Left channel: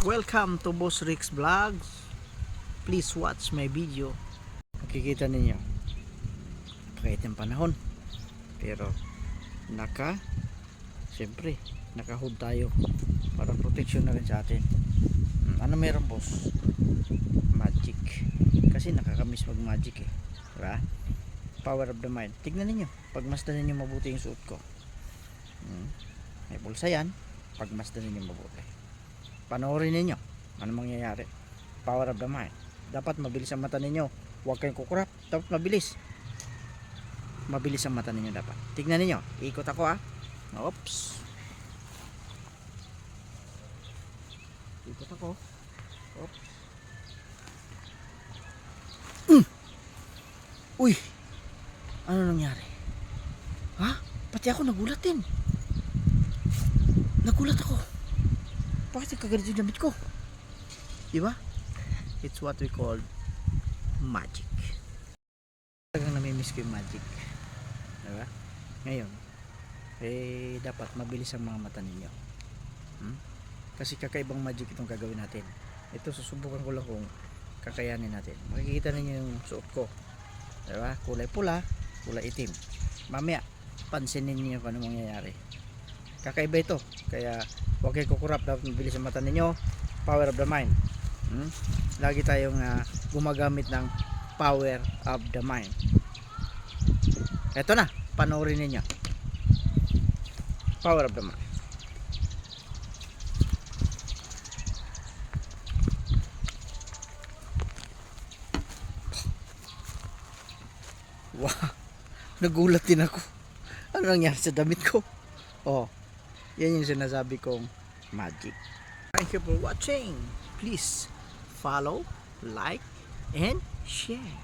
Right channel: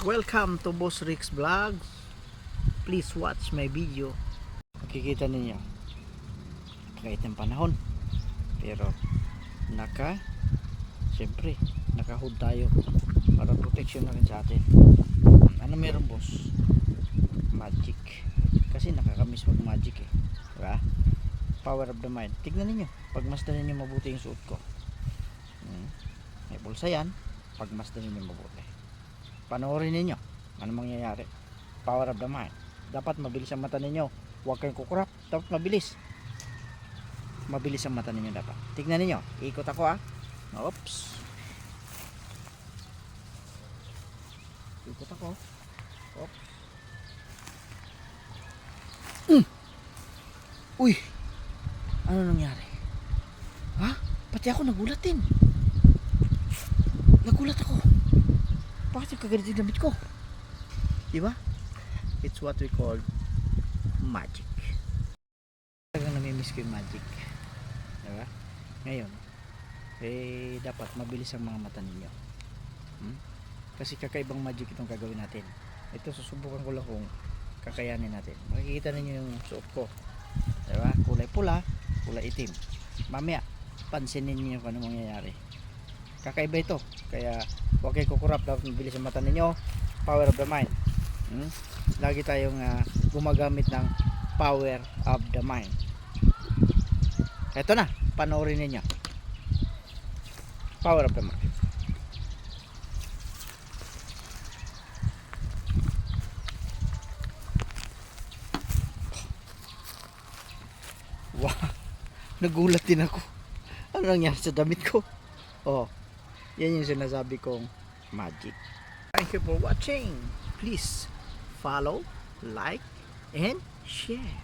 Welcome to Boss Rick's Vlog. Please watch my video. Makikita ninyo, kahit ng panahon, pero siyempre naka-hood tayo para protection na rin sa atin. Ano meron, boss? Magic. Kasi nakakamiss mag magic eh, diba? Power of the mind. Tignan ninyo, pagmasdan ninyo mabuti yung suot ko. May bulsa yan, pagmasdan ninyo mabuti. Panoorin ninyo ano mangyayari. Power of the mind. Dapat mabilis ang mata ninyo, huwag kayong kukurap. Dapat mabilis ang mata ninyo dapat. Tignan ninyo, ikot ako oops, ikot ako. Oops. Uy, ano nangyari? Pati ako nagulat ako. Bakit nagkaganito yung damit ko? Diba? It's what we call magic. Talagang namimiss ko yung magic. Diba? Ngayon, dapat mabilis ang mga mata ninyo. Kasi kakaibang magic itong gagawin natin. Ito, susubukan ko lang kung kakayanin natin. Makikita ninyo yung suot ko. Diba? Kulay pula, kulay itim. Mamaya, pansinin niyo kung ano mangyayari. Kakaiba ito, kaya huwag kayo kukurap. Dapat mabilis ang mata ninyo. Power of the mind. Lagi tayong gumagamit ng power of the mind. Eto na, panoorin ninyo. Power of the mind. Wow, nagulat din ako. Ano nangyari sa damit ko? Yan yung sinasabi kong magic. Thank you for watching. Please follow, like, and share.